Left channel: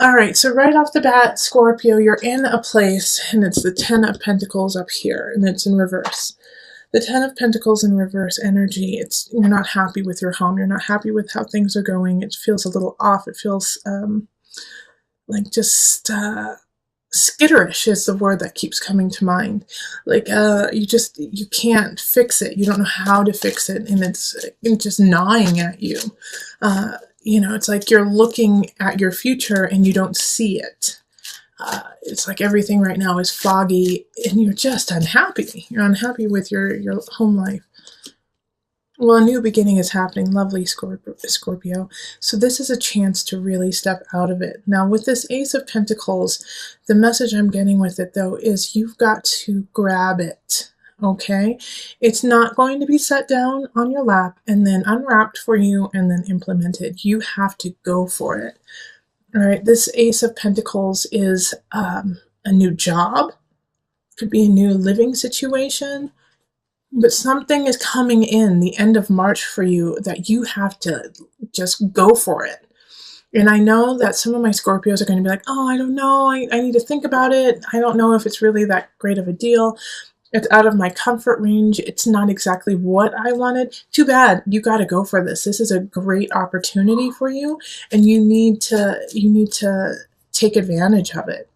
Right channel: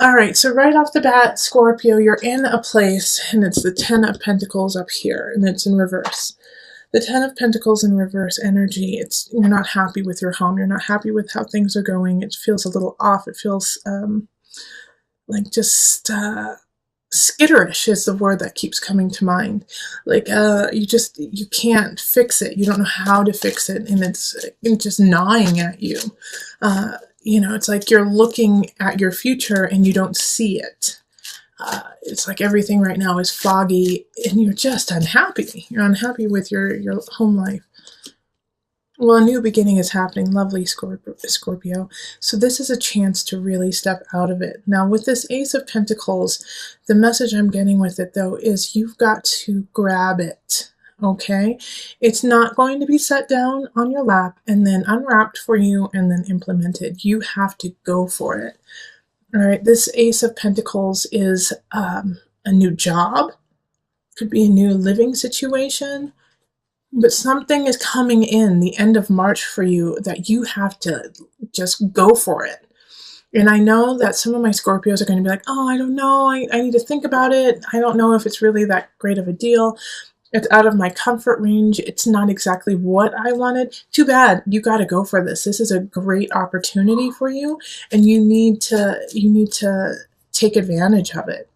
All right, so right off the bat, Scorpio, you're in a place, and it's the Ten of Pentacles up here, and it's in reverse. The Ten of Pentacles in reverse energy, it's you're not happy with your home. You're not happy with how things are going. It feels a little off. It feels like just skitterish is the word that keeps coming to mind. Like you can't fix it. You don't know how to fix it, and it's just gnawing at you. It's like you're looking at your future and you don't see it. It's like everything right now is foggy and you're just unhappy. You're unhappy with your home life. Well, a new beginning is happening. Lovely, Scorpio. So this is a chance to really step out of it. Now, with this Ace of Pentacles, the message I'm getting with it, though, is you've got to grab it. Okay? It's not going to be set down on your lap and then unwrapped for you and then implemented. You have to go for it. All right, this Ace of Pentacles is a new job. Could be a new living situation. But something is coming in the end of March for you that you have to just go for it. And I know that some of my Scorpios are going to be like, oh, I don't know. I need to think about it. I don't know if it's really that great of a deal. It's out of my comfort range. It's not exactly what I wanted. Too bad. You got to go for this. This is a great opportunity for you, and you need to take advantage of it.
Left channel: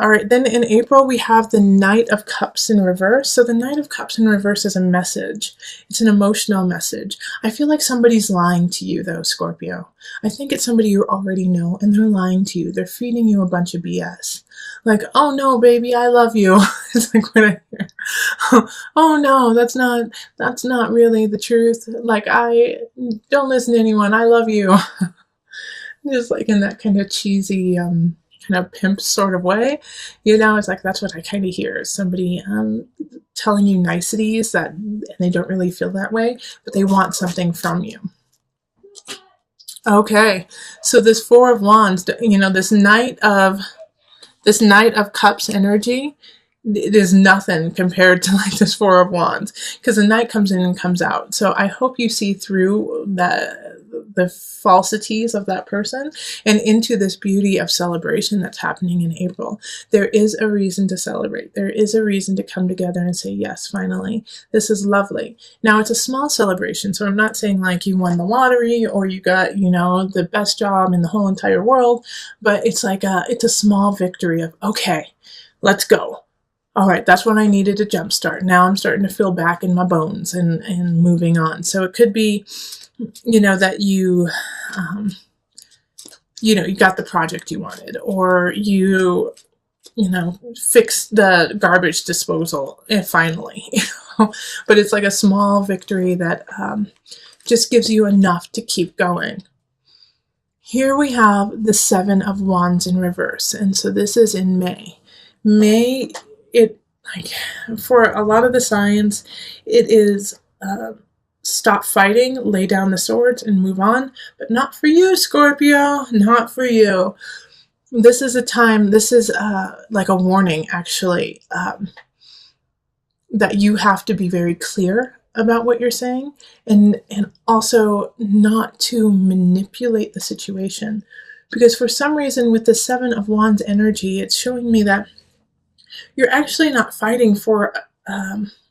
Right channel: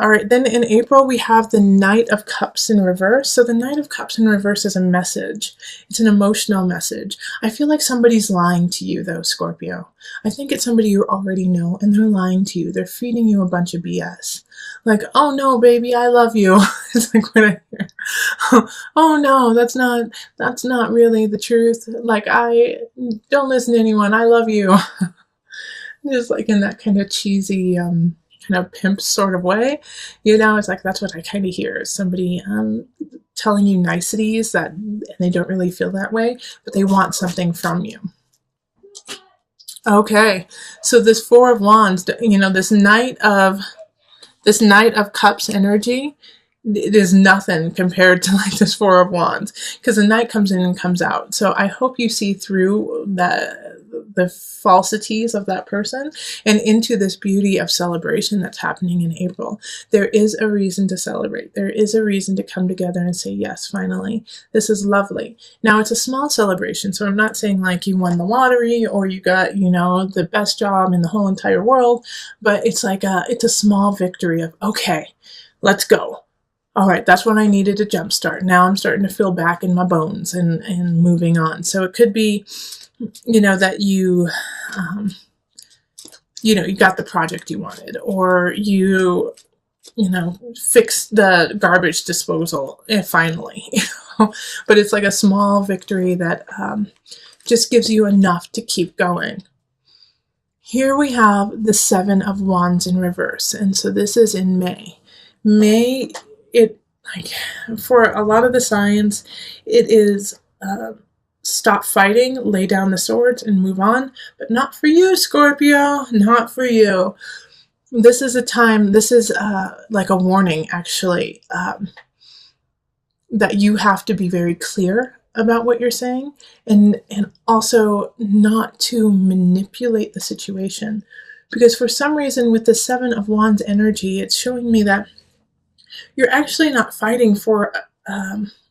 All right, then in April, we have the Knight of Cups in reverse. So the Knight of Cups in reverse is a message. It's an emotional message. I feel like somebody's lying to you, though, Scorpio. I think it's somebody you already know, and they're lying to you. They're feeding you a bunch of BS. Like, oh no, baby, I love you. It's like when I hear, oh no, that's not really the truth. Like, I don't listen to anyone. I love you. Just like in that kind of cheesy, kind of pimp sort of way, it's like that's what I kind of hear, somebody telling you niceties that and they don't really feel that way, but they want something from you. Okay, so this Four of Wands, this Knight of Cups energy, it is nothing compared to like this Four of Wands, because the Knight comes in and comes out. So I hope you see through the falsities of that person and into this beauty of celebration that's happening in April. There is a reason to celebrate. There is a reason to come together and say, yes, finally, this is lovely. Now, it's a small celebration, so I'm not saying like you won the lottery or you got, the best job in the whole entire world, but it's like it's a small victory of, okay, let's go. All right, that's what I needed to jumpstart. Now I'm starting to feel back in my bones and moving on. So it could be, that you got the project you wanted, or fixed the garbage disposal finally. But it's like a small victory that just gives you enough to keep going. Here we have the Seven of Wands in reverse, and so this is in May. May, it like for a lot of the signs, it is stop fighting, lay down the swords, and move on. But not for you, Scorpio. Not for you. This is a time. This is like a warning, actually, that you have to be very clear about what you're saying, and also not to manipulate the situation. Because for some reason, with the Seven of Wands energy, it's showing me that you're actually not fighting for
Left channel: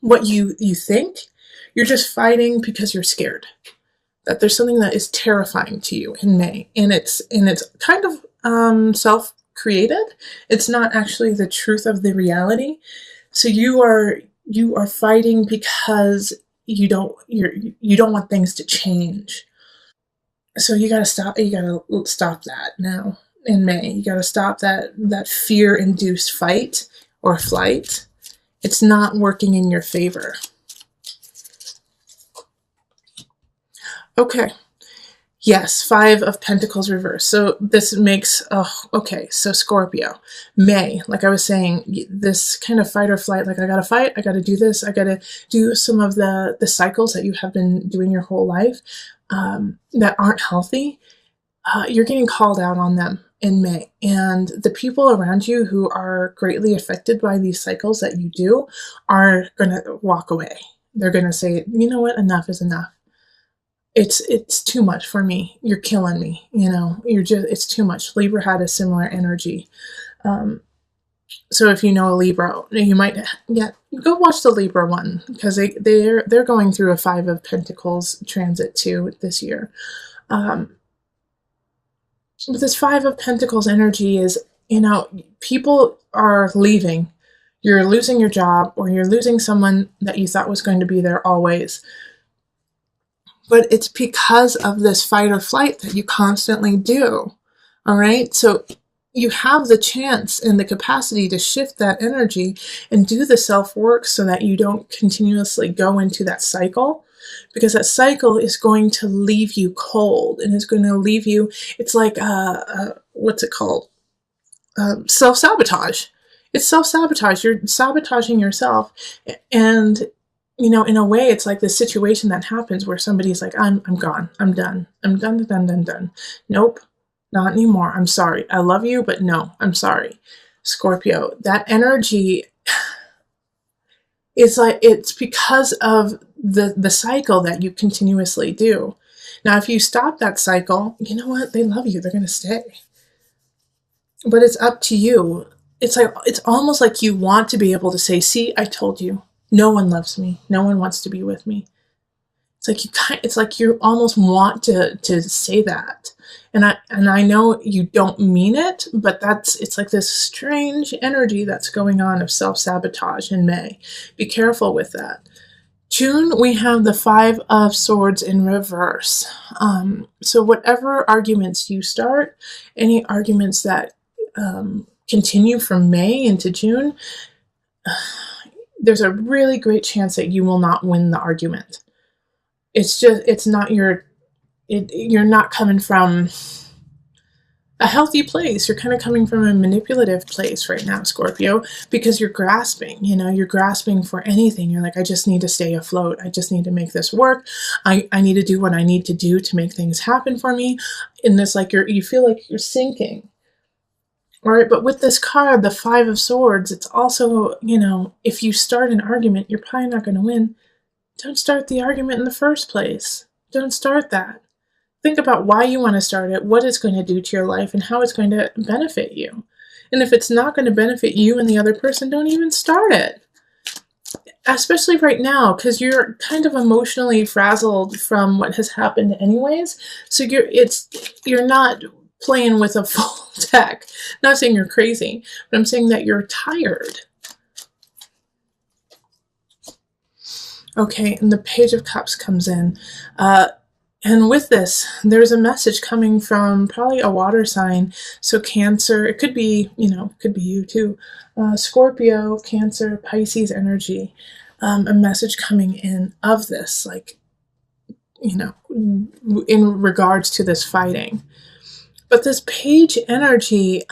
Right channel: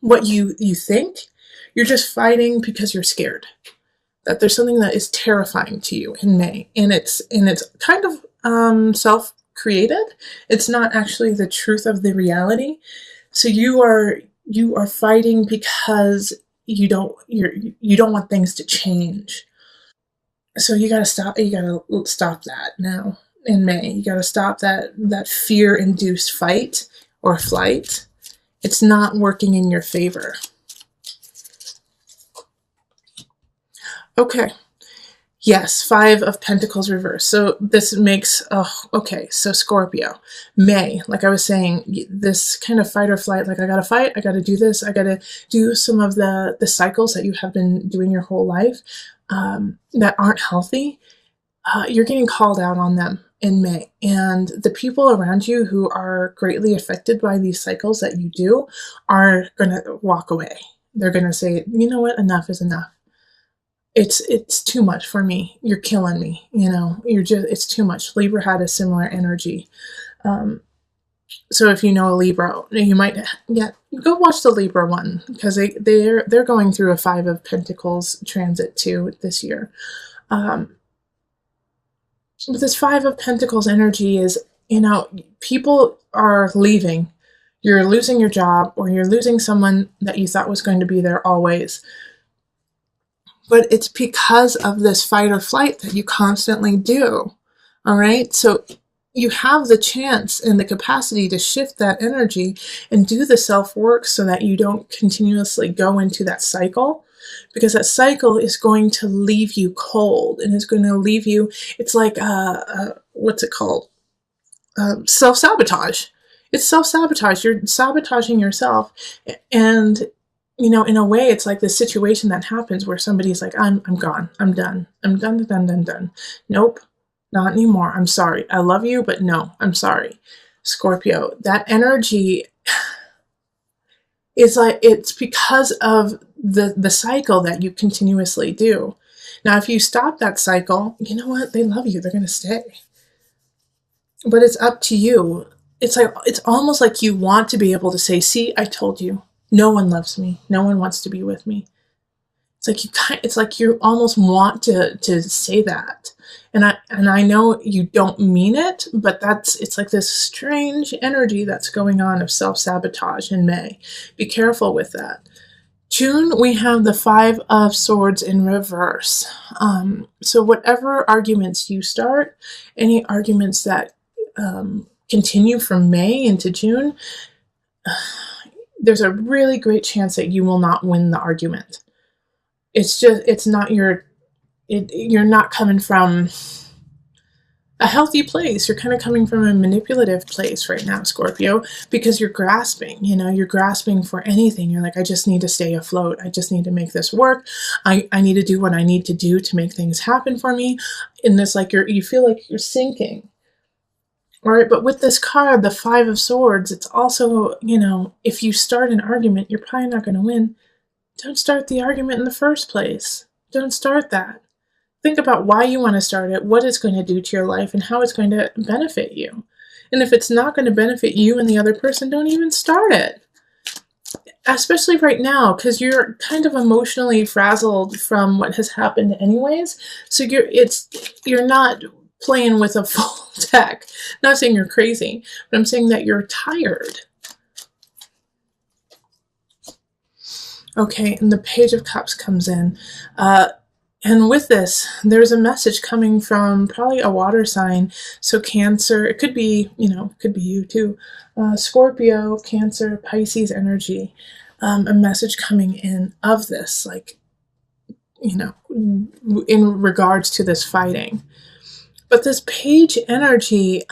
what you think. You're just fighting because you're scared that there's something that is terrifying to you in May, and it's kind of self-created. It's not actually the truth of the reality. So you are fighting because you don't want things to change. So you got to stop that now in May. You got to stop that fear-induced fight or flight. It's not working in your favor. Okay. Yes, Five of Pentacles reverse. So this makes, okay, so Scorpio, May, like I was saying, this kind of fight or flight, like I gotta fight, I gotta do this, I gotta do some of the cycles that you have been doing your whole life that aren't healthy. You're getting called out on them in May. And the people around you who are greatly affected by these cycles that you do are gonna walk away. They're gonna say, you know what, enough is enough. it's too much for me. You're killing me. It's too much. Libra had a similar energy. Um, so if you know a Libra, you might, yeah, go watch the Libra one, because they're going through a Five of Pentacles transit too this year. But this Five of Pentacles energy is, people are leaving. You're losing your job, or you're losing someone that you thought was going to be there always. But it's because of this fight or flight that you constantly do. All right. So you have the chance and the capacity to sift that energy and do the self work so that you don't continuously go into that cycle, because that cycle is going to leave you cold, and it's going to leave you, it's like, what's it called? Self-sabotage. It's self-sabotage. You're sabotaging yourself. And, in a way, it's like this situation that happens where somebody's like, I'm gone. I'm done. I'm done. Nope, not anymore. I'm sorry. I love you, but no, I'm sorry. Scorpio, that energy is like, it's because of the cycle that you continuously do. Now, if you stop that cycle, you know what? They love you. They're going to stay. But it's up to you. It's almost like you want to be able to say, see, I told you. No one loves me. No one wants to be with me. It's like you almost want to say that. And I know you don't mean it, but it's like this strange energy that's going on of self-sabotage in May. Be careful with that. June, we have the Five of Swords in reverse. So whatever arguments you start, any arguments that continue from May into June, there's a really great chance that you will not win the argument. You're not coming from a healthy place. You're kind of coming from a manipulative place right now, Scorpio, because you're grasping, you're grasping for anything. You're like, I just need to stay afloat. I just need to make this work. I need to do what I need to do to make things happen for me. In this, like, you feel like you're sinking. All right, but with this card, the Five of Swords, it's also, if you start an argument, you're probably not going to win. Don't start the argument in the first place. Don't start that. Think about why you want to start it, what it's going to do to your life, and how it's going to benefit you. And if it's not going to benefit you and the other person, don't even start it. Especially right now, because you're kind of emotionally frazzled from what has happened anyways. So you're not playing with a full deck. Not saying you're crazy, but I'm saying that you're tired. Okay, and the Page of Cups comes in. And with this, there's a message coming from probably a water sign. So Cancer, it could be, it could be you too. Scorpio, Cancer, Pisces energy. A message coming in of this, like, in regards to this fighting. But this Page energy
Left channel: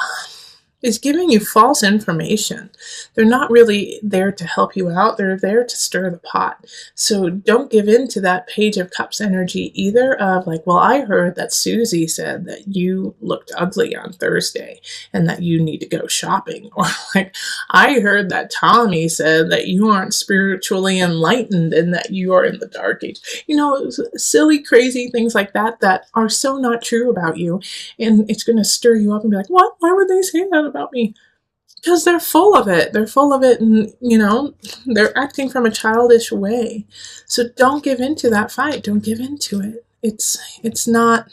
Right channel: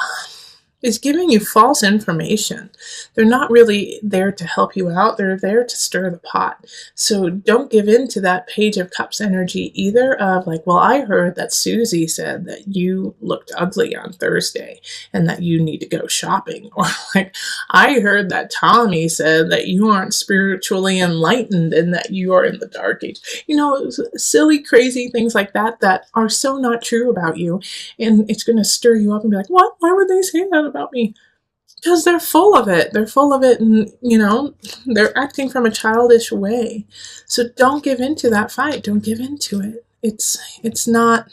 is giving you false information. They're not really there to help you out. They're there to stir the pot. So don't give in to that Page of Cups energy either of like, well, I heard that Susie said that you looked ugly on Thursday and that you need to go shopping. Or like, I heard that Tommy said that you aren't spiritually enlightened and that you are in the dark age. Silly, crazy things like that are so not true about you. And it's going to stir you up and be like, what? Why would they say that about me? Because they're full of it. They're full of it, and, they're acting from a childish way. So don't give in to that fight. Don't give in to it. It's not,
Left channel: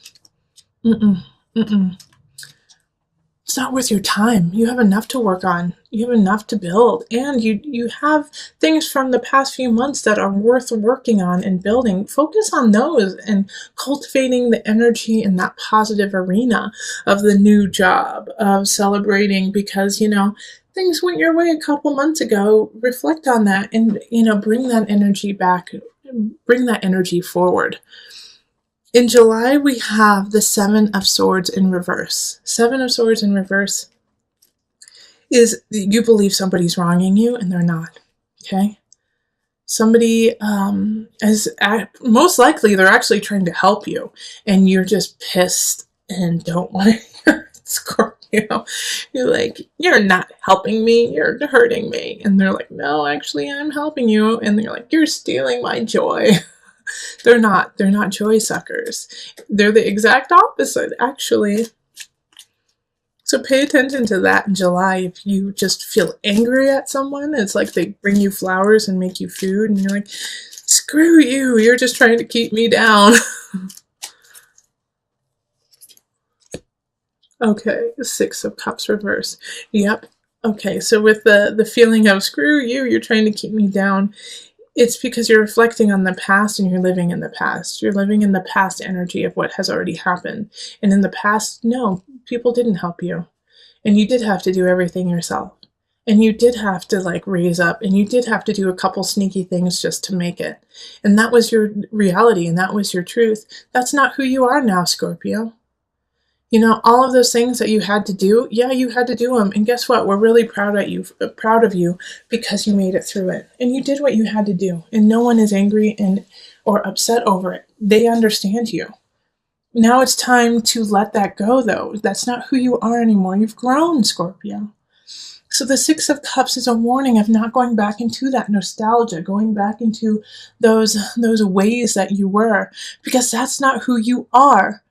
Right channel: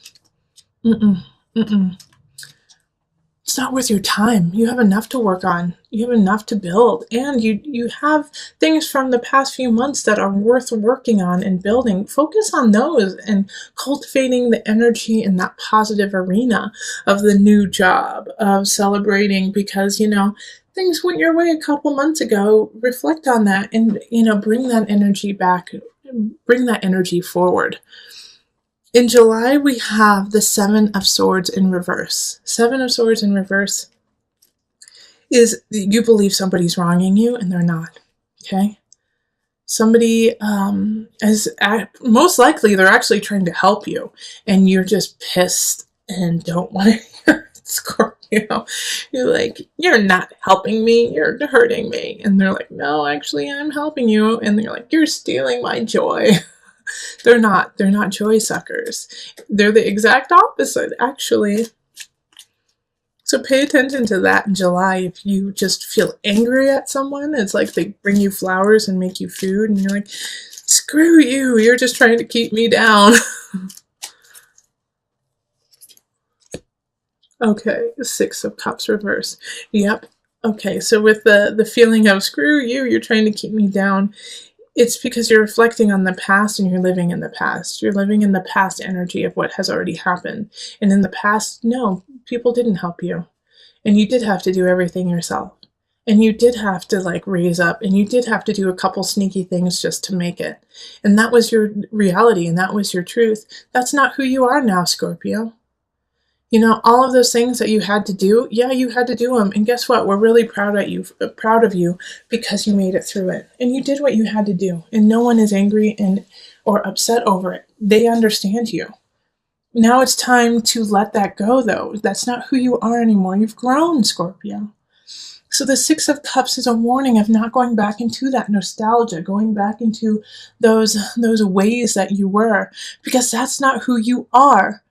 it's not worth your time. You have enough to work on. You have enough to build. And you have things from the past few months that are worth working on and building. Focus on those and cultivating the energy in that positive arena of the new job, of celebrating because, things went your way a couple months ago. Reflect on that and, bring that energy back. Bring that energy forward. In July, we have the Seven of Swords in reverse. Seven of Swords in reverse is you believe somebody's wronging you and they're not. Okay? Somebody most likely they're actually trying to help you and you're just pissed and don't want to hear it, Scorpio. You're like, you're not helping me, you're hurting me. And they're like, no, actually I'm helping you. And they're like, you're stealing my joy. They're not. They're not joy suckers. They're the exact opposite, actually. So pay attention to that in July. If you just feel angry at someone, it's like they bring you flowers and make you food, and you're like, screw you, you're just trying to keep me down. Okay, the Six of Cups reverse. Yep. Okay, so with the feeling of screw you, you're trying to keep me down, it's because you're reflecting on the past and you're living in the past. You're living in the past energy of what has already happened. And in the past, no, people didn't help you. And you did have to do everything yourself. And you did have to like raise up, and you did have to do a couple sneaky things just to make it. And that was your reality, and that was your truth. That's not who you are now, Scorpio. You know, all of those things that you had to do, yeah, you had to do them. And guess what? We're really proud of you because you made it through it. And you did what you had to do. And no one is angry and or upset over it. They understand you. Now it's time to let that go, though. That's not who you are anymore. You've grown, Scorpio. So the Six of Cups is a warning of not going back into that nostalgia, going back into those ways that you were, because that's not who you are.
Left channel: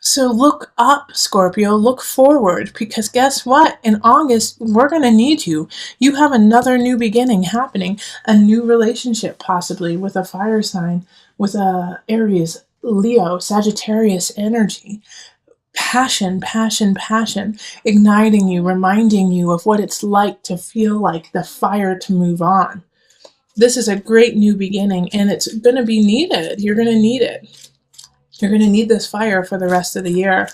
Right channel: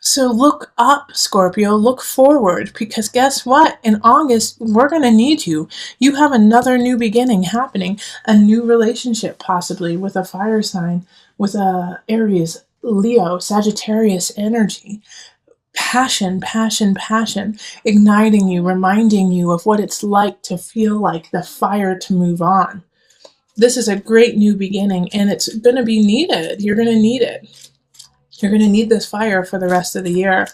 So look up, Scorpio, look forward, because guess what? In August, we're going to need you. You have another new beginning happening, a new relationship possibly with a fire sign, with a Aries, Leo, Sagittarius energy. Passion, passion, passion, igniting you, reminding you of what it's like to feel like the fire to move on. This is a great new beginning, and it's going to be needed. You're going to need it. You're going to need this fire for the rest of the year.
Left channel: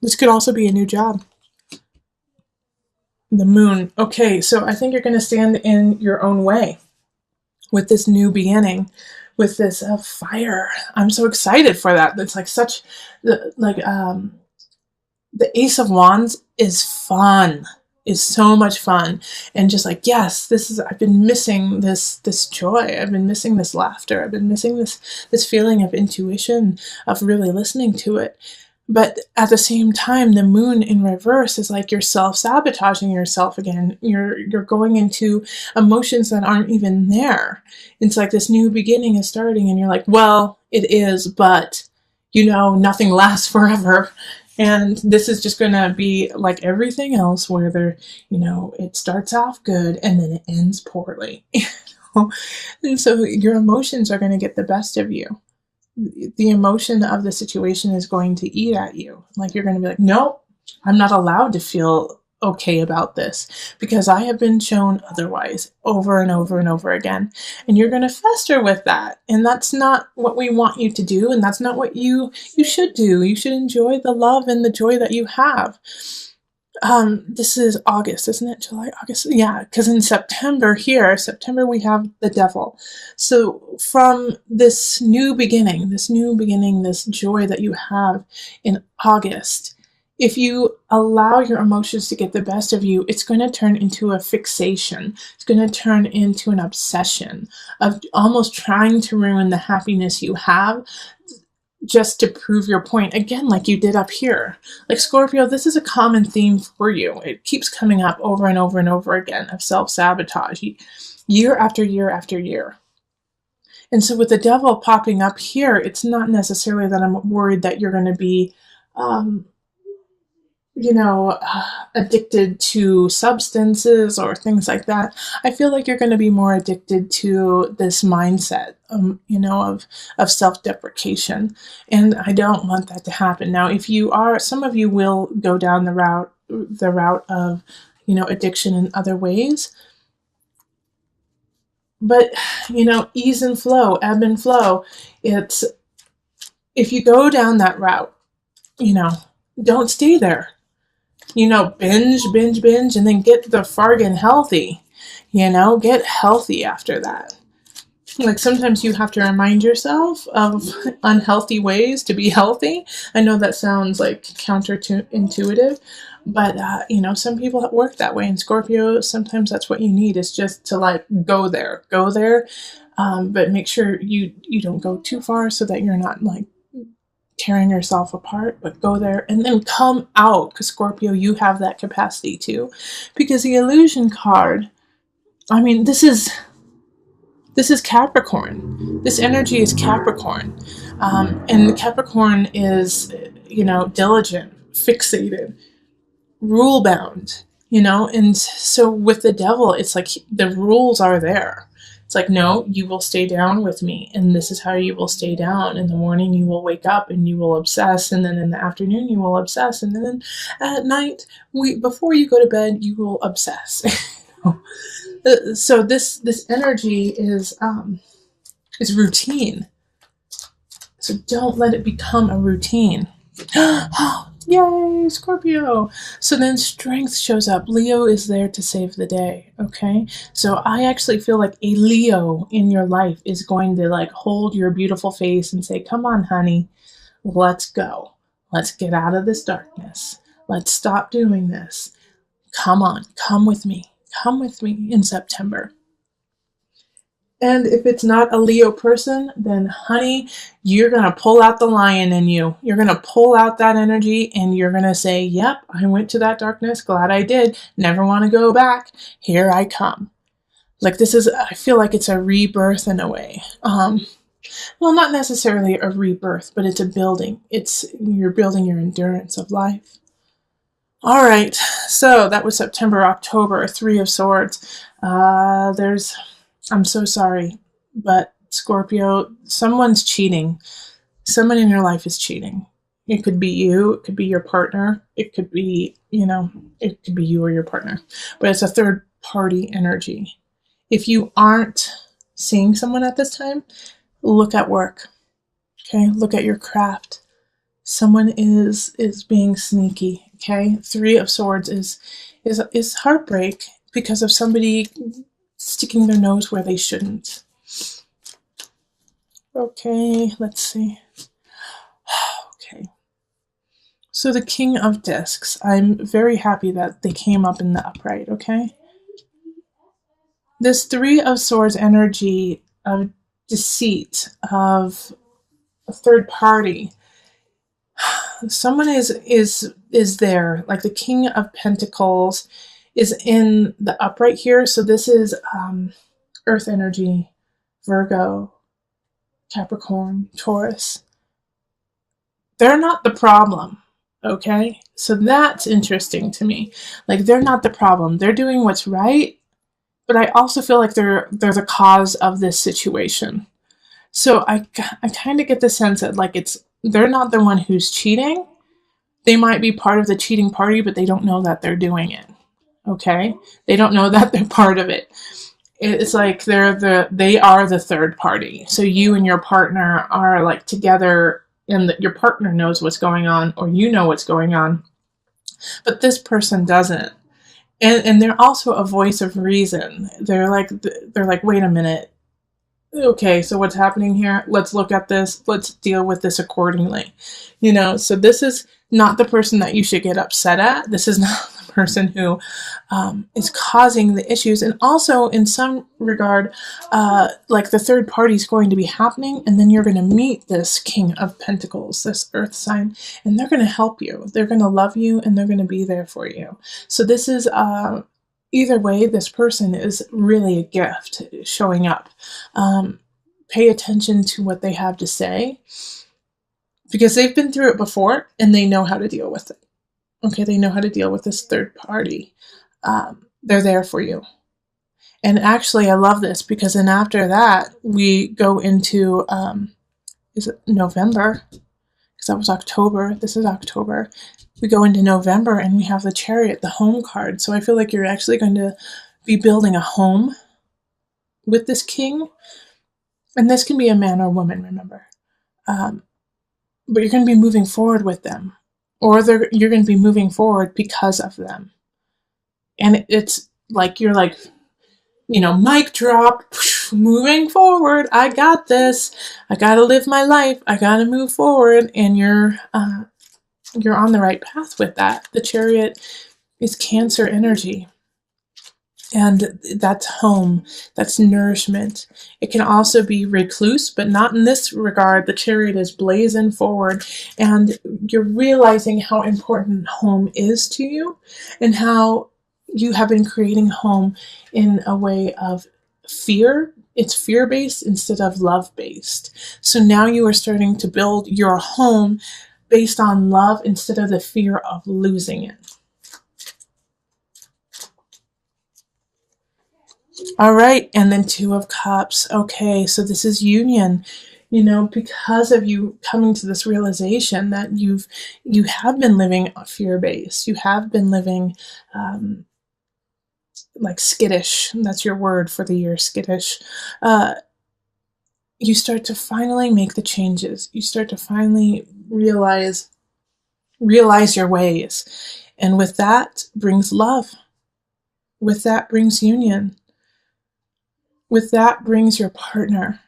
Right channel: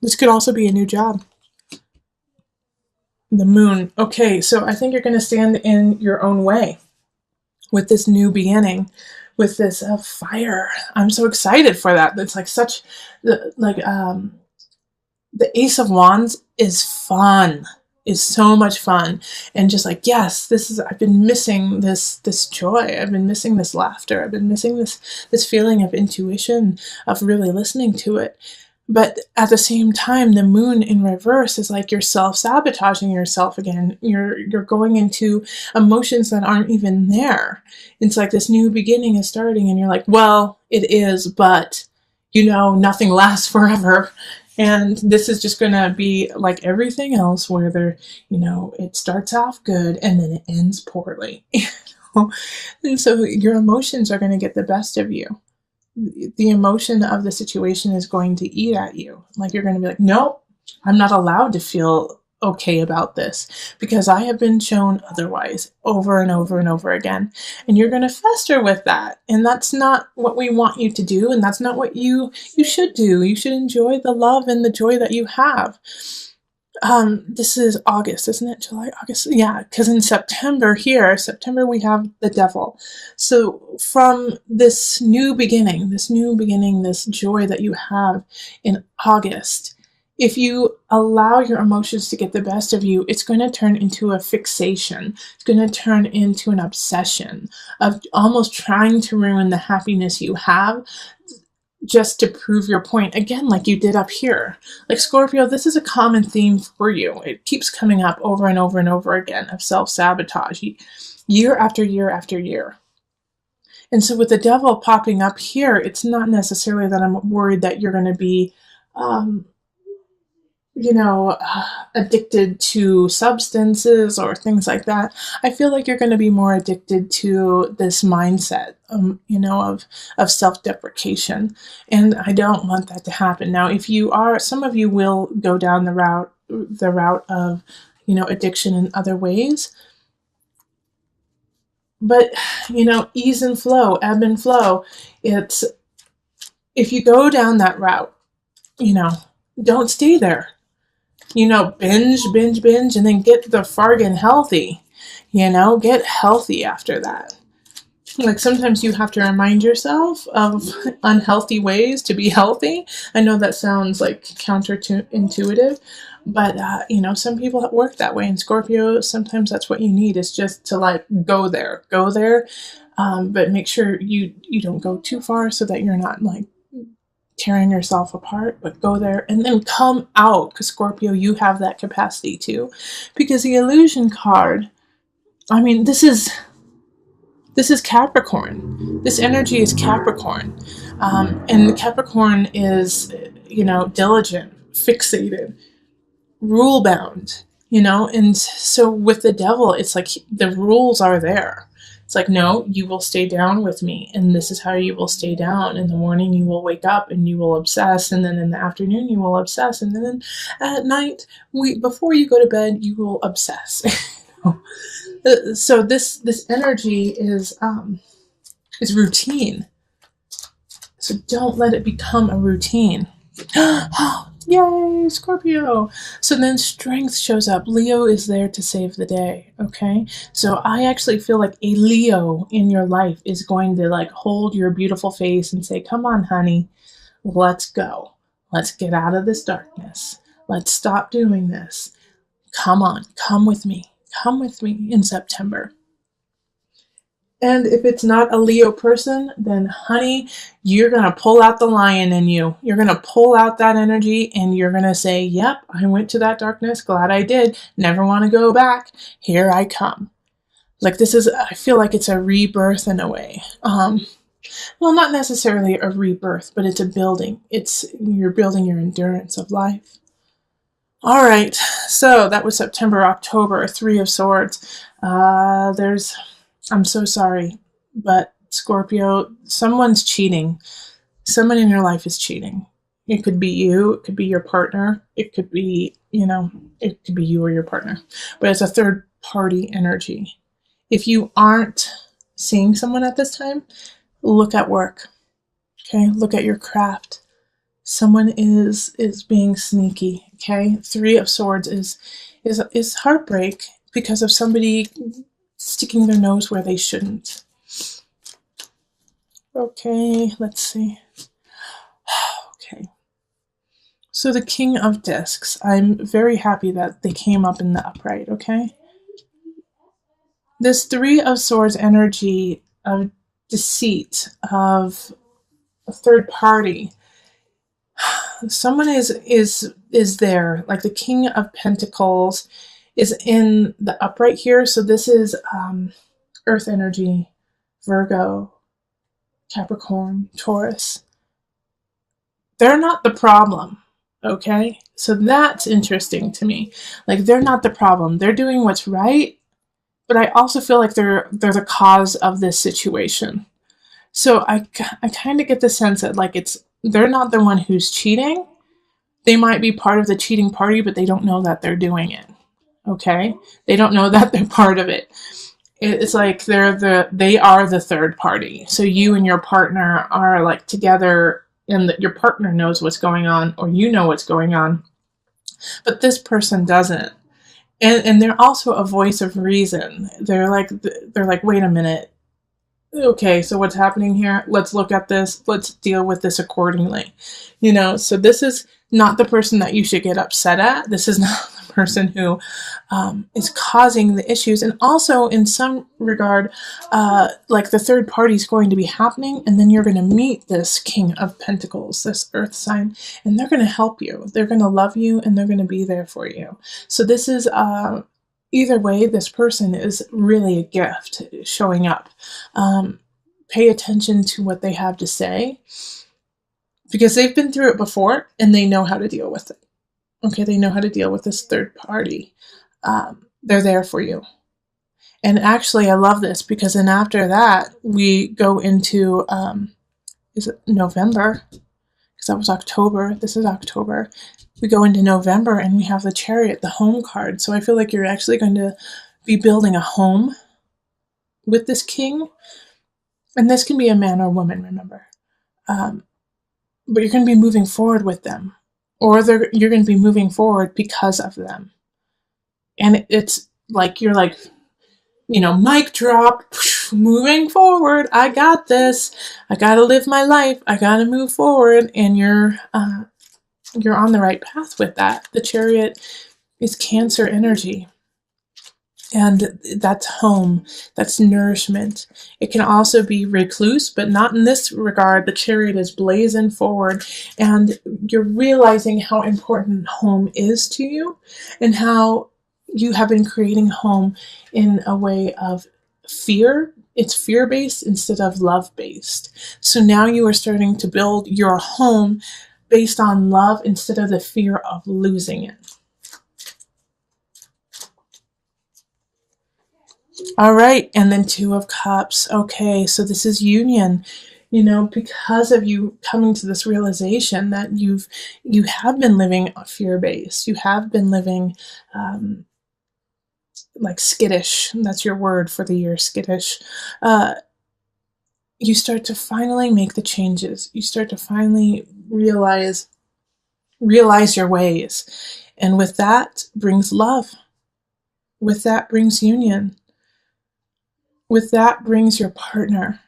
This could also be a new job. The moon. Okay, so I think you're going to stand in your own way with this new beginning, with this fire. I'm so excited for that. It's like such, the Ace of Wands is fun. Is so much fun, and just like, yes, I've been missing this joy, I've been missing this laughter, I've been missing this feeling of intuition, of really listening to it. But at the same time, the moon in reverse is like you're self-sabotaging yourself again. You're going into emotions that aren't even there. It's like this new beginning is starting, and you're like, well, it is, but nothing lasts forever. And this is just going to be like everything else, where it starts off good and then it ends poorly. And so your emotions are going to get the best of you. The emotion of the situation is going to eat at you. Like you're going to be like, nope, I'm not allowed to feel okay about this because I have been shown otherwise over and over and over again. And you're going to fester with that. And that's not what we want you to do. And that's not what you should do. You should enjoy the love and the joy that you have. This is August, isn't it? July, August. Yeah, because in September we have the devil. So from this new beginning, this joy that you have in August, if you allow your emotions to get the best of you, it's going to turn into a fixation. It's going to turn into an obsession of almost trying to ruin the happiness you have just to prove your point. Again, like you did up here. Like Scorpio, this is a common theme for you. It keeps coming up over and over and over again of self-sabotage, year after year after year. And so with the devil popping up here, it's not necessarily that I'm worried that you're going to be addicted to substances or things like that. I feel like you're going to be more addicted to this mindset, of self-deprecation. And I don't want that to happen. Now, if you are, some of you will go down the route of, addiction in other ways. But, ease and flow, ebb and flow. It's, if you go down that route, don't stay there. Binge, and then get the fargan healthy. Get healthy after that. Like sometimes you have to remind yourself of unhealthy ways to be healthy. I know that sounds like counterintuitive, but some people work that way. And Scorpio, sometimes that's what you need, is just to like go there. But make sure you don't go too far so that you're not like tearing yourself apart, but go there and then come out, because Scorpio, you have that capacity too. Because the illusion card, this is This is Capricorn. This energy is Capricorn. And Capricorn is, diligent, fixated, rule bound, and so with the devil, it's like the rules are there. It's like, no, you will stay down with me, and this is how you will stay down. In the morning you will wake up and you will obsess, and then in the afternoon you will obsess, and then at night, before you go to bed, you will obsess. So this energy is routine. So don't let it become a routine. Yay, Scorpio. So then strength shows up. Leo is there to save the day. Okay. So I actually feel like a Leo in your life is going to like hold your beautiful face and say, come on, honey, let's go. Let's get out of this darkness. Let's stop doing this. Come on, come with me. Come with me in September. And if it's not a Leo person, then honey, you're going to pull out the lion in you. You're going to pull out that energy and you're going to say, yep, I went to that darkness. Glad I did. Never want to go back. Here I come. Like I feel like it's a rebirth in a way. Well, not necessarily a rebirth, but it's a building. You're building your endurance of life. All right. So that was September, October, Three of Swords. I'm so sorry, but Scorpio, someone's cheating. Someone in your life is cheating. It could be you. It could be your partner. It could be, it could be you or your partner. But it's a third party energy. If you aren't seeing someone at this time, look at work. Okay? Look at your craft. Someone is being sneaky. Okay? Three of Swords is heartbreak because of somebody sticking their nose where they shouldn't. Okay, let's see. Okay. So the King of Discs. I'm very happy that they came up in the upright, okay? This Three of Swords energy of deceit, of a third party. Someone is there, like the King of Pentacles is in the upright here. So this is Earth energy, Virgo, Capricorn, Taurus. They're not the problem, okay? So that's interesting to me. Like, they're not the problem. They're doing what's right, but I also feel like they're the cause of this situation. So I kind of get the sense that like they're not the one who's cheating. They might be part of the cheating party, but they don't know that they're doing it. Okay? They don't know that they're part of it. It's like they are the third party. So you and your partner are like together, and your partner knows what's going on, or you know what's going on, but this person doesn't. And they're also a voice of reason. They're like, wait a minute. Okay, so what's happening here? Let's look at this. Let's deal with this accordingly. So this is not the person that you should get upset at. This is not the person who is causing the issues. And also, in some regard, like the third party is going to be happening, and then you're going to meet this King of Pentacles, this Earth sign, and they're going to help you. They're going to love you, and they're going to be there for you. So this is either way, this person is really a gift showing up. Pay attention to what they have to say, because they've been through it before and they know how to deal with it. Okay, they know how to deal with this third party. They're there for you. And actually, I love this because then after that, we go into, is it November? Because that was October. This is October. We go into November and we have the Chariot, the home card. So I feel like you're actually going to be building a home with this king. And this can be a man or woman, remember. But you're going to be moving forward with them. Or you're going to be moving forward because of them. And it's like, you're like, mic drop, moving forward. I got this. I got to live my life. I got to move forward. And you're on the right path with that. The Chariot is Cancer energy. And that's home. That's nourishment. It can also be recluse, but not in this regard. The Chariot is blazing forward, and you're realizing how important home is to you and how you have been creating home in a way of fear It's fear-based instead of love-based. So now you are starting to build your home based on love instead of the fear of losing it. All right, and then Two of Cups. Okay, so this is union. You know, because of you coming to this realization that you have been living fear-based. You have been living like skittish. That's your word for the year, skittish. Uh, you start to finally make the changes. You start to finally realize your ways. And with that brings love. With that brings union. With that brings your partner.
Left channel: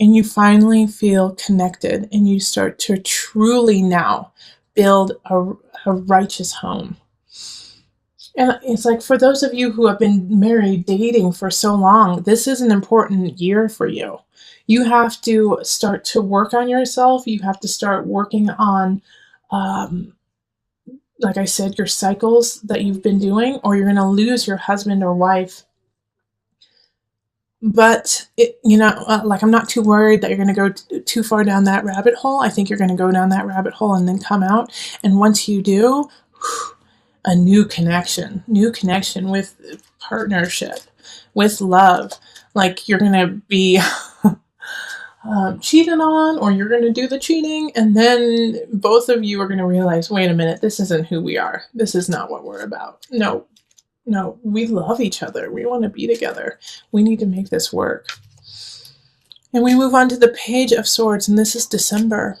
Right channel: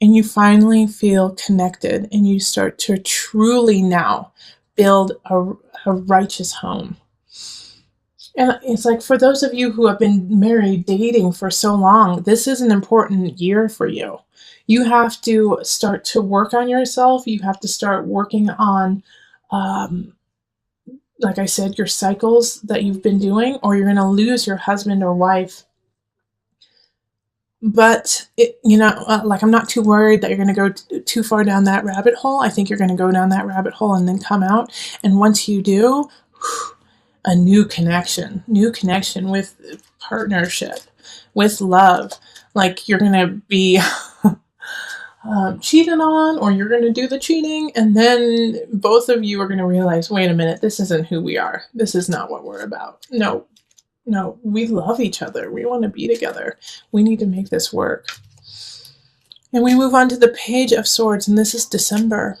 And you finally feel connected and you start to truly now build a righteous home. And it's like, for those of you who have been married, dating for so long, this is an important year for you. You have to start to work on yourself. You have to start working on, like I said, your cycles that you've been doing, or you're going to lose your husband or wife. But, like, I'm not too worried that you're going to go too far down that rabbit hole. I think you're going to go down that rabbit hole and then come out. And once you do, a new connection with partnership, with love. Like, you're going to be cheated on, or you're going to do the cheating, and then both of you are going to realize, wait a minute, this isn't who we are. This is not what we're about. No, we love each other. We want to be together. We need to make this work. And we move on to the Page of Swords, and this is December.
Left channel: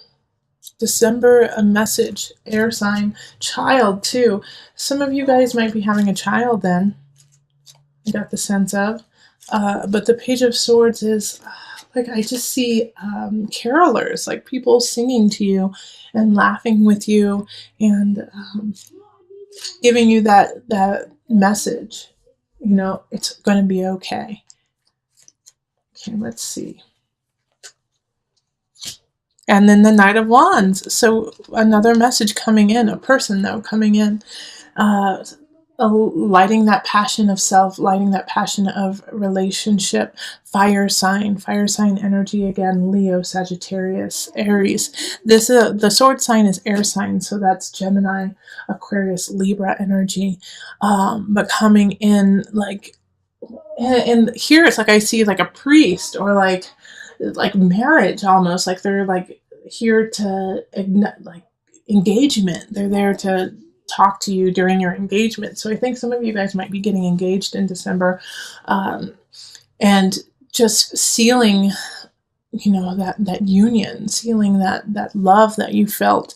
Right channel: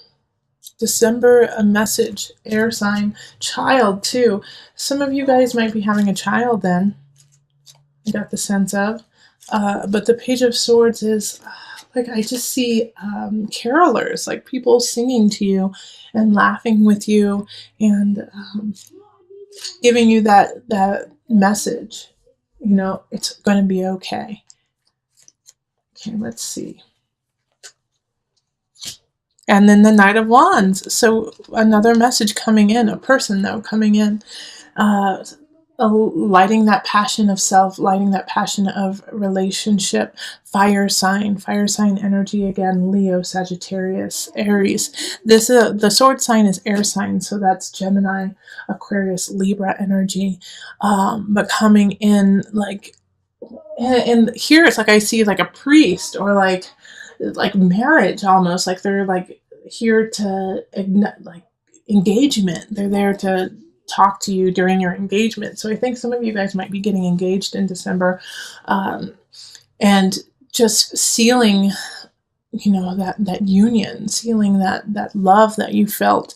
December, a message, air sign, child too. Some of you guys might be having a child then. I got the sense of. But the Page of Swords is, like, I just see carolers, like people singing to you and laughing with you and giving you that message. You know, it's going to be okay. Okay, let's see. And then the Knight of Wands. So another message coming in, a person though coming in, lighting that passion of self, lighting that passion of relationship. Fire sign energy again. Leo, Sagittarius, Aries. This the sword sign is air sign, so that's Gemini, Aquarius, Libra energy. But coming in like, and here it's like I see like a priest, or like marriage almost, like they're like here to ignite, like engagement. They're there to talk to you during your engagement. So I think some of you guys might be getting engaged in December, and just sealing, that union, sealing that love that you felt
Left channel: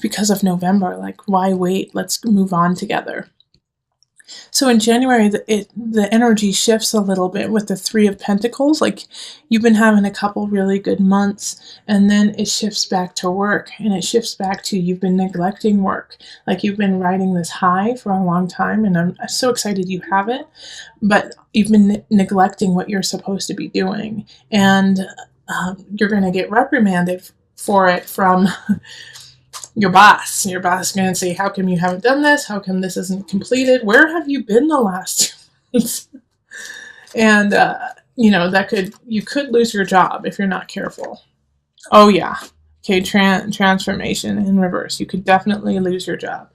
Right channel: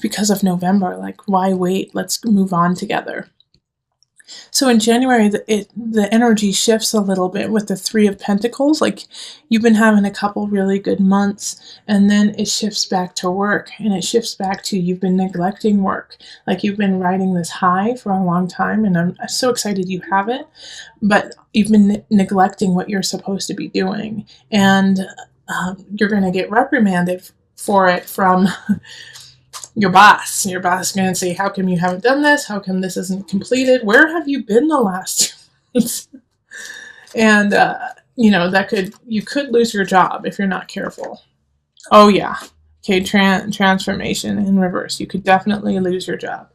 because of November. Like, why wait? Let's move on together. So in January, the energy shifts a little bit with the Three of Pentacles. Like, you've been having a couple really good months, and then it shifts back to work, and it shifts back to you've been neglecting work. Like, you've been riding this high for a long time, and I'm so excited you have it, but you've been neglecting what you're supposed to be doing, and you're going to get reprimanded for it from your boss. Your boss is going to say, how come you haven't done this? How come this isn't completed? Where have you been the last years? And, you could lose your job if you're not careful. Oh, yeah. Okay, transformation in reverse. You could definitely lose your job.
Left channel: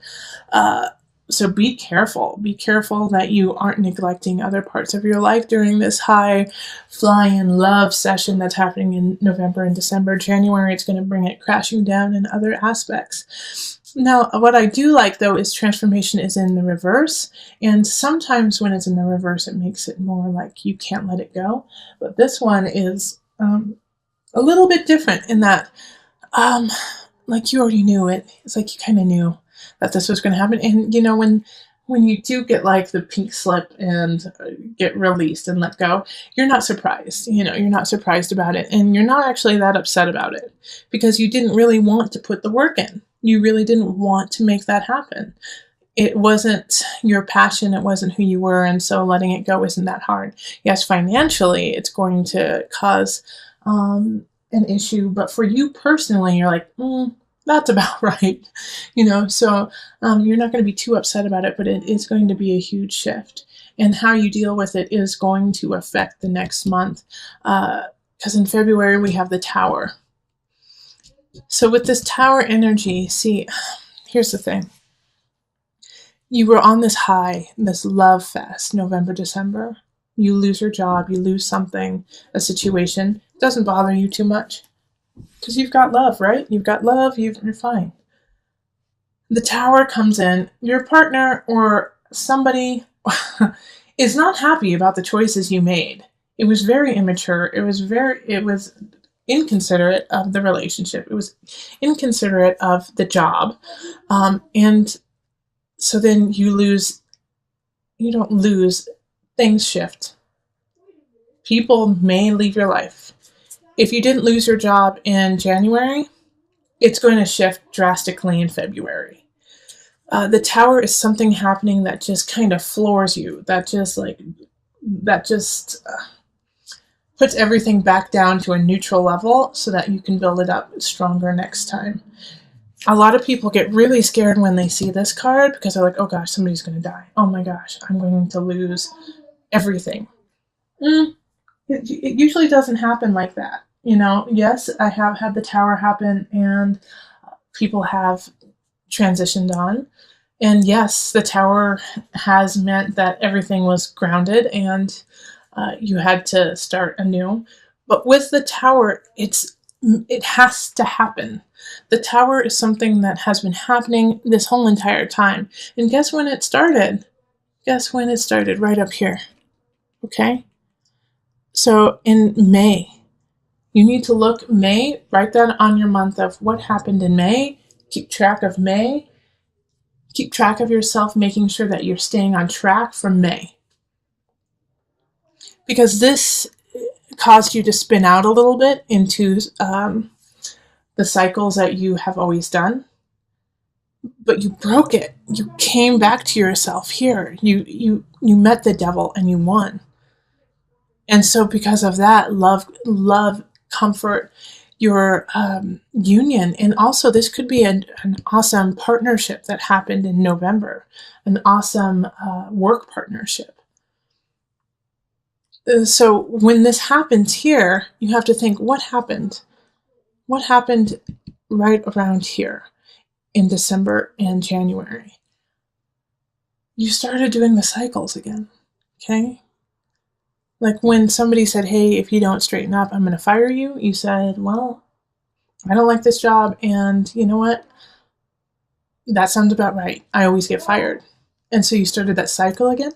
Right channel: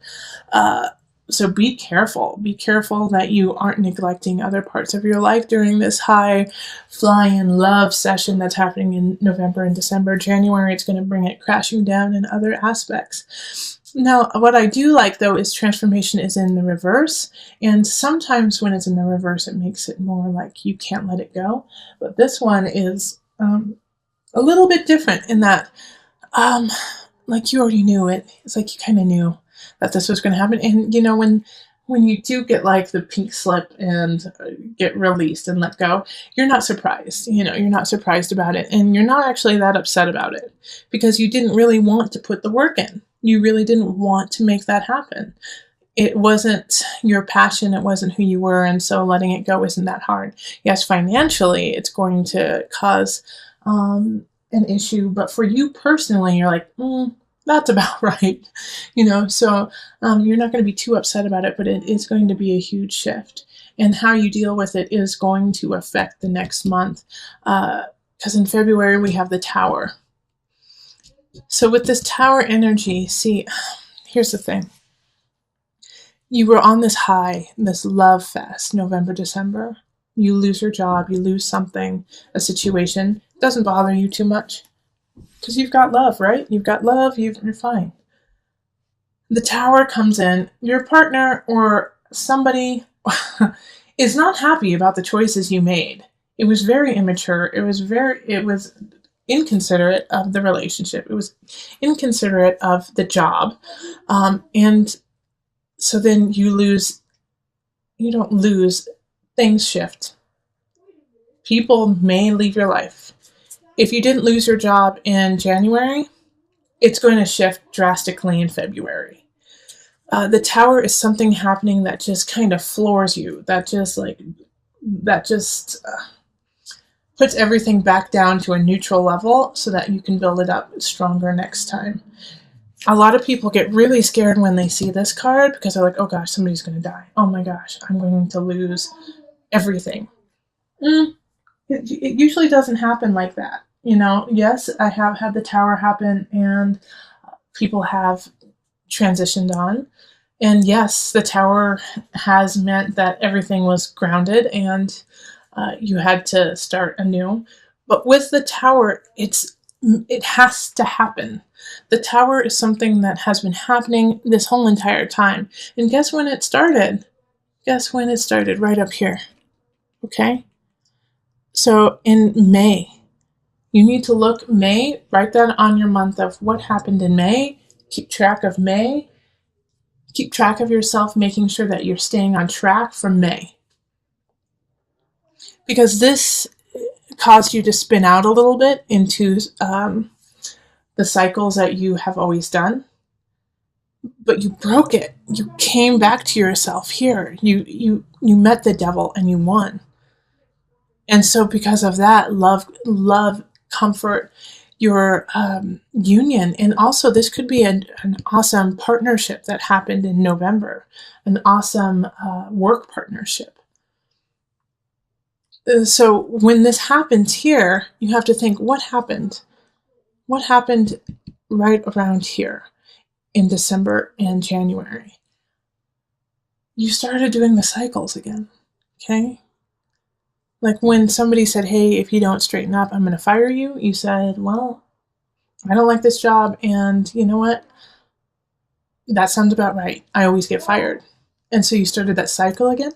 So be careful. Be careful that you aren't neglecting other parts of your life during this high flying love session that's happening in November and December. January, it's going to bring it crashing down in other aspects. Now, what I do like, though, is transformation is in the reverse. And sometimes when it's in the reverse, it makes it more like you can't let it go. But this one is a little bit different in that, like, you already knew it. It's like you kind of knew that this was going to happen. And, when you do get like the pink slip and get released and let go, you're not surprised. You're not surprised about it. And you're not actually that upset about it because you didn't really want to put the work in. You really didn't want to make that happen. It wasn't your passion. It wasn't who you were. And so letting it go isn't that hard. Yes, financially, it's going to cause an issue. But for you personally, you're like, That's about right. So you're not going to be too upset about it, but it is going to be a huge shift. And how you deal with it is going to affect the next month. Because in February, we have the Tower. So with this Tower energy, see, here's the thing. You were on this high, this love fest, November, December. You lose your job, you lose something, a situation. It doesn't bother you too much. Because you've got love, right? You've got love, you're fine. The Tower comes in, your partner or somebody is not happy about the choices you made. It was very immature. It was inconsiderate of the relationship. It was inconsiderate of the job. And so then you don't lose, things shift. People may leave your life. If you didn't lose your job in January, it's going to shift drastically in February. The Tower is something happening that just kind of floors you. That just puts everything back down to a neutral level so that you can build it up stronger next time. A lot of people get really scared when they see this card because they're like, oh gosh, somebody's going to die. Oh my gosh, I'm going to lose everything. It usually doesn't happen like that. Yes, I have had the Tower happen and people have transitioned on. And yes, the Tower has meant that everything was grounded and you had to start anew. But with the Tower, it has to happen. The Tower is something that has been happening this whole entire time. And guess when it started? Guess when it started? Right up here. Okay? So in May, you need to look May, write that on your month of what happened in May. Keep track of May. Keep track of yourself, making sure that you're staying on track from May. Because this caused you to spin out a little bit into the cycles that you have always done. But you broke it. You came back to yourself here. You met the devil and you won. And so because of that, love, comfort, your union, and also this could be an awesome partnership that happened in November, an awesome work partnership. So when this happens here, you have to think, what happened? What happened right around here in December and January? You started doing the cycles again, okay? Like when somebody said, hey, if you don't straighten up, I'm going to fire you. You said, well, I don't like this job. And you know what? That sounds about right. I always get fired. And so you started that cycle again.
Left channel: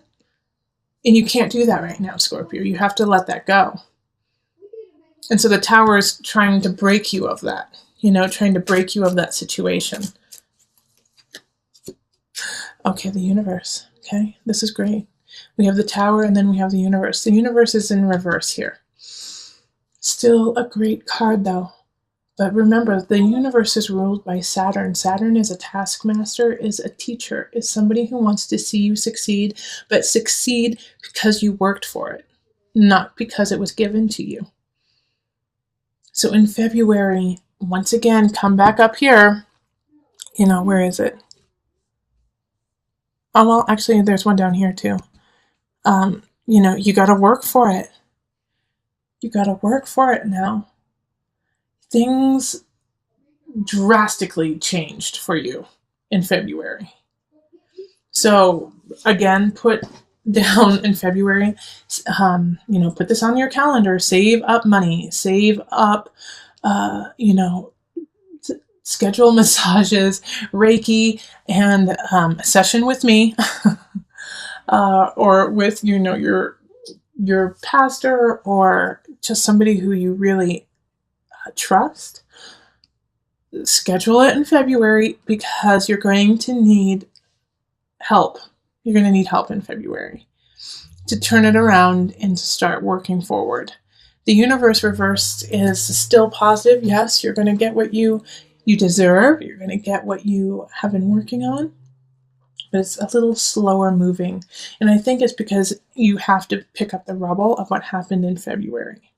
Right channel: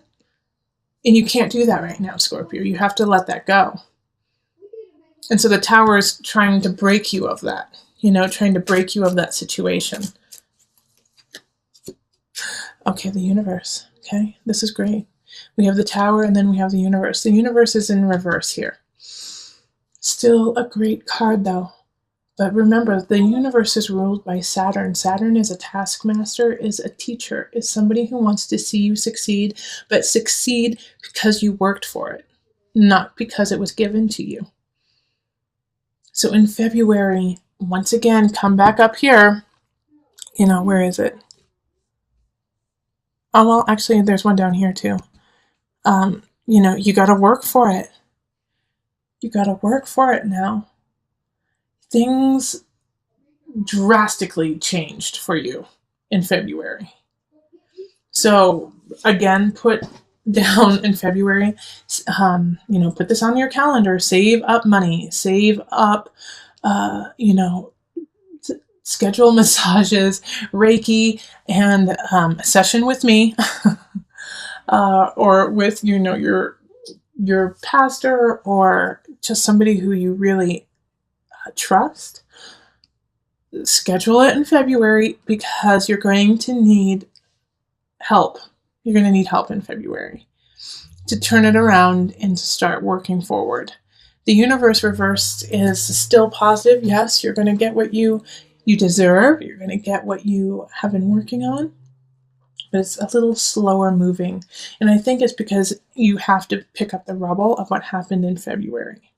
And you can't do that right now, Scorpio. You have to let that go. And so the Tower is trying to break you of that, trying to break you of that situation. Okay, the universe. Okay, this is great. We have the Tower and then we have the universe. The universe is in reverse here. Still a great card though. But remember, the universe is ruled by Saturn. Saturn is a taskmaster, is a teacher, is somebody who wants to see you succeed, but succeed because you worked for it, not because it was given to you. So in February, once again, come back up here. Where is it? Oh, well, actually, there's one down here too. You got to work for it. You got to work for it now. Things drastically changed for you in February. So again, put down in February, put this on your calendar, save up money, save up, schedule massages, Reiki, and a session with me, or with, your pastor or just somebody who you really trust. Schedule it in February because you're going to need help. You're going to need help in February to turn it around and to start working forward. The universe reversed is still positive. Yes, you're going to get what you deserve. You're going to get what you have been working on. But it's a little slower moving. And I think it's because you have to pick up the rubble of what happened in February.